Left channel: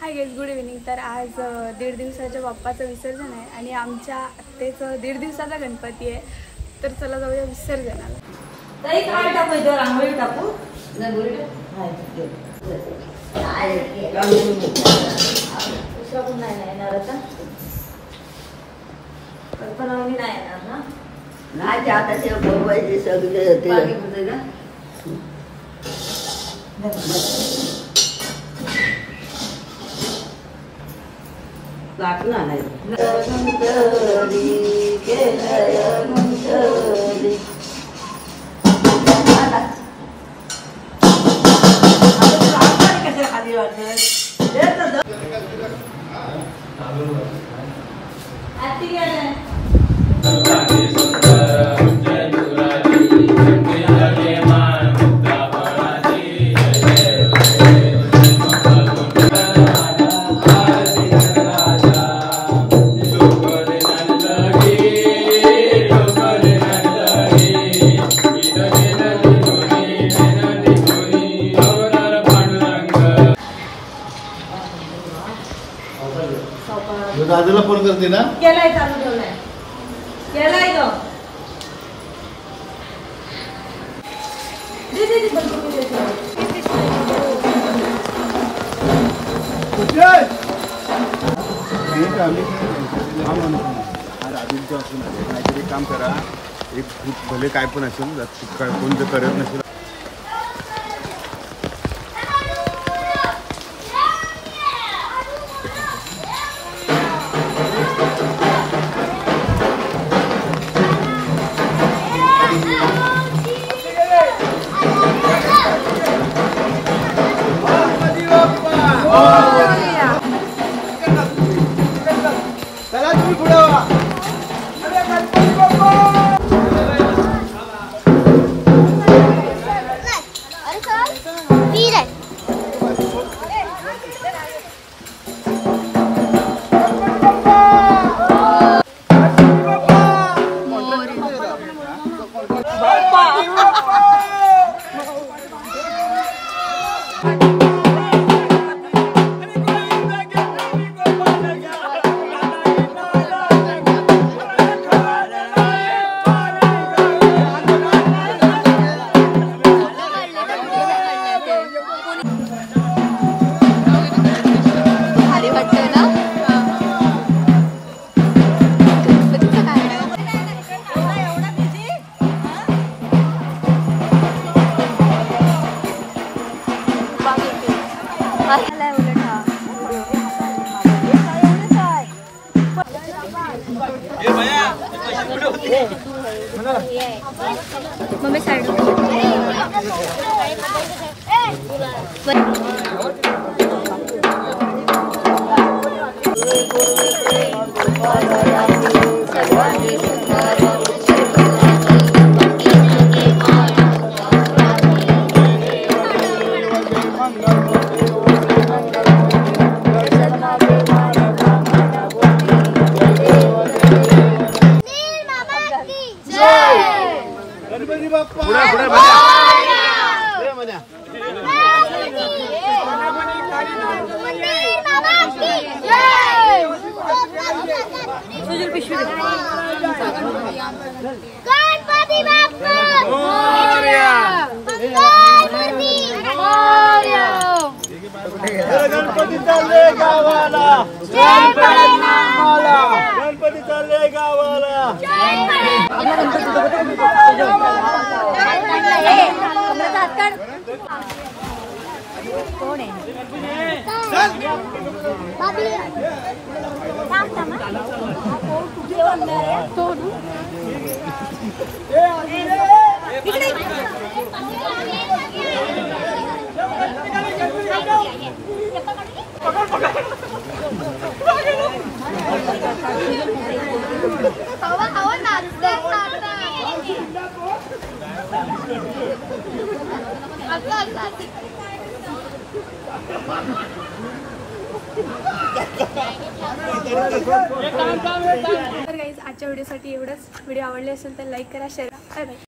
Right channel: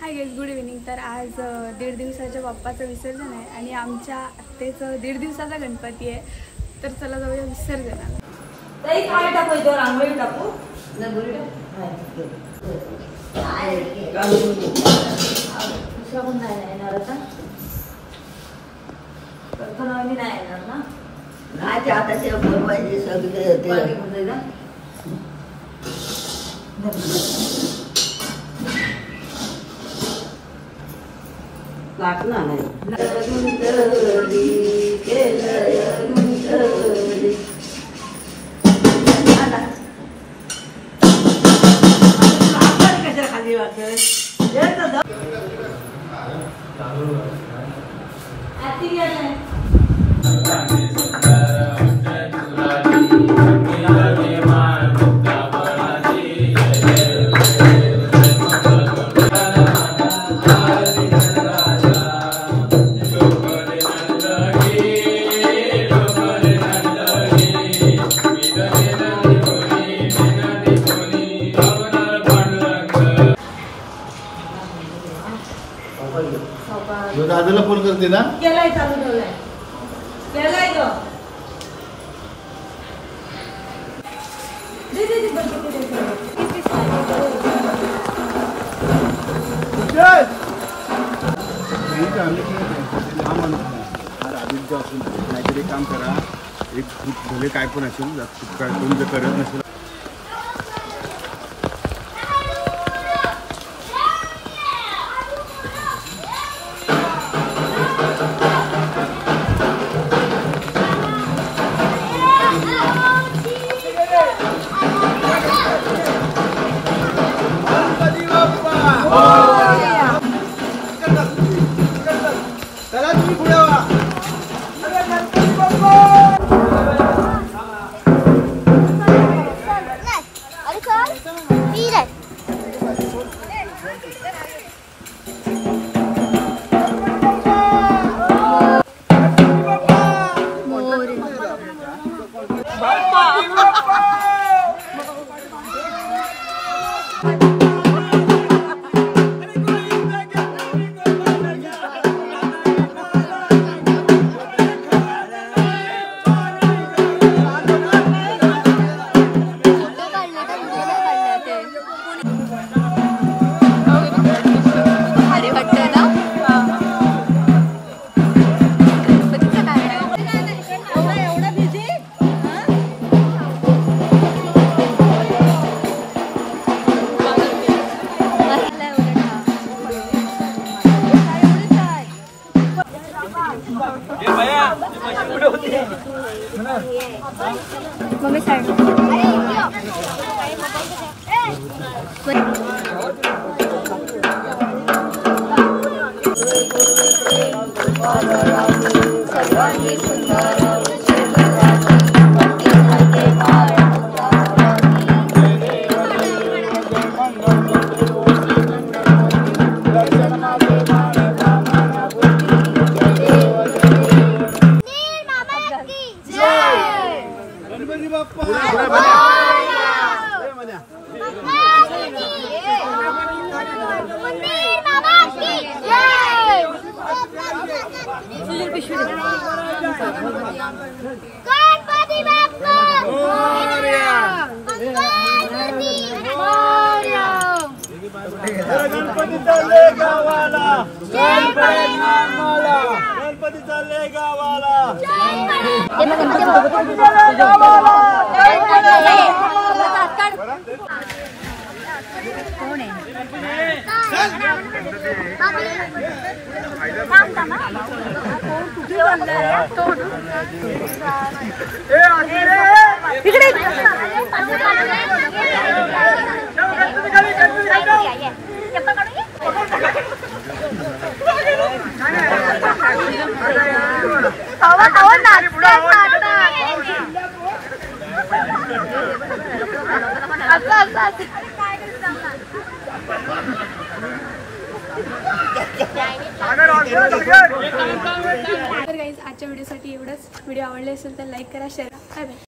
Hi guys, good evening. तर आज 1.5 दिवसाच्या बाप्पाचं विसर्जन आहे आणि आमच्या आत्तेचं 1.5 दिवसाचा गणपती आहे। तर चला जाऊया विसर्जनाला। ताई काय टाकू इथं? रांगोळी टाकू? रांगोळी दुसरा पण नाही येणार आता? कल्पना नाही येणार ना? नाही, आता ते बरोबर सगळे लागणार नाही। खाली वाटत दादाला फोन करते ना? केलाय, चालू ठेवलाय, केलाय ग। काहीतरी काम करा, एक भले काय पण असेल, कोण जर करत नसेल मम्मी साइड गणपती चालले गावाला, गणपती चालले गावाला। तर गाइस, आजच्या व्हिडिओसाठी एवढंच। व्हिडिओ आवडले असेल तर लाईक करा, शेअर करा। Bye bye.